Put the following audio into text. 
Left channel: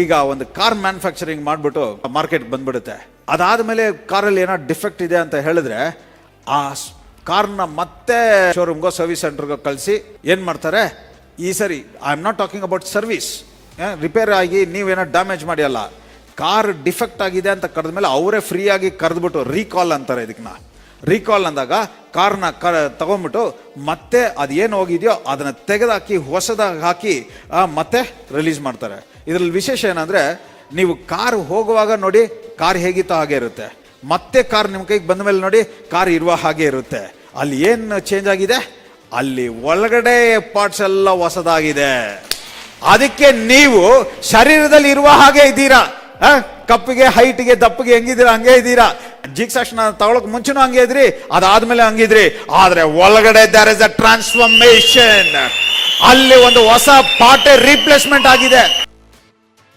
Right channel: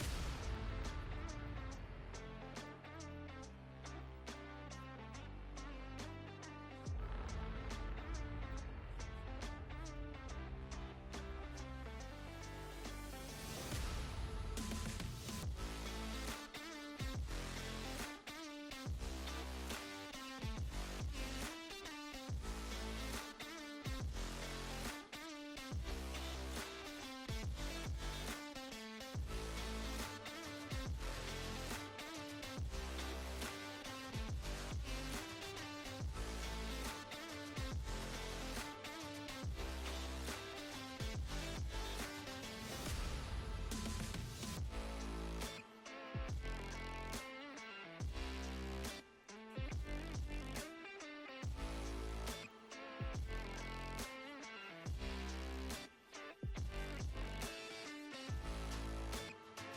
ಈಗ ಒಂದು car manufacturing ಮಾಡಿಬಿಟ್ಟು ಮಾರ್ಕೆಟ್ ಬಂದ್ಬಿಡುತ್ತೆ. ಅದಾದ್ಮೇಲೆ ಕಾರಲ್ಲಿ ಏನೋ ಡಿಫೆಕ್ಟ್ ಇದೆ ಅಂತ ಹೇಳಿದ್ರೆ ಆ ಕಾರ್ನ ಮತ್ತೆ ಶೋರೂಮ್ಗೋ ಸರ್ವಿಸ್ ಸೆಂಟರ್ಗೋ ಕಳಿಸಿ ಏನು ಮಾಡ್ತಾರೆ? ಈ ಸರಿ I am not talking about service repair ಆಗಿ ನೀವೇನೋ ಡ್ಯಾಮೇಜ್ ಮಾಡಿ ಅಲ್ಲ ಕಾರ್ ಡಿಫೆಕ್ಟ್ ಆಗಿದೆ ಅಂತ ಕರೆದ ಮೇಲೆ ಅವರೇ ಫ್ರೀಯಾಗಿ ಕರೆದ್ಬಿಟ್ಟು ರೀಕಾಲ್ ಅಂತಾರೆ ಇದಕ್ಕೆ ರೀಕಾಲ್ ಅಂದಾಗ ಕಾರ್ನ ಕ, ತಗೊಂಡ್ಬಿಟ್ಟು ಮತ್ತೆ ಅದೇನು ಹೋಗಿದೆಯೋ ಅದನ್ನು ತೆಗೆದಾಕಿ, ಹೊಸದಾಗಿ ಹಾಕಿ ಮತ್ತೆ ರಿಲೀಸ್ ಮಾಡ್ತಾರೆ. ಇದರಲ್ಲಿ ವಿಶೇಷ ಏನಂದರೆ ನೀವು ಕಾರ್ ಹೋಗುವಾಗ ನೋಡಿ ಕಾರ್ ಹೇಗಿತ್ತೋ ಹಾಗೆ ಇರುತ್ತೆ. ಮತ್ತೆ ಕಾರ್ ನಿಮ್ಮ ಕೈಗೆ ಬಂದ ಮೇಲೆ ನೋಡಿ ಕಾರ್ ಇರುವ ಹಾಗೆ ಇರುತ್ತೆ. ಅಲ್ಲಿ ಏನು ಚೇಂಜ್ ಆಗಿದೆ? ಅಲ್ಲಿ ಒಳಗಡೆ ಪಾರ್ಟ್ಸ್ ಎಲ್ಲ ಹೊಸದಾಗಿದೆ. ಅದಕ್ಕೆ ನೀವು ಶರೀರದಲ್ಲಿ ಇರುವ ಹಾಗೆ ಇದ್ದೀರಾ? ಕಪ್ಪಿಗೆ ಹೈಟ್ಗೆ ದಪ್ಪಗೆ ಹೆಂಗಿದ್ದೀರಾ? ಹಂಗೆ ಇದ್ದೀರಾ? ಜಿಕ್ಸಾಕ್ಷನ್ ತಗೊಳಕ್ ಮುಂಚೆನೂ ಹಂಗೆ ಇದ್ರಿ, ಅದಾದ್ಮೇಲೆ ಹಂಗಿದ್ರಿ ಆದ್ರೆ ಒಳಗಡೆ ದರ್ ಇಸ್ ಅ ಟ್ರಾನ್ಸ್ಫಾರ್ಮೇಶನ್ ಅಲ್ಲಿ ಒಂದು ಹೊಸ ಪಾರ್ಟ್ ರೀಪ್ಲೇಸ್ಮೆಂಟ್ ಆಗಿದೆ.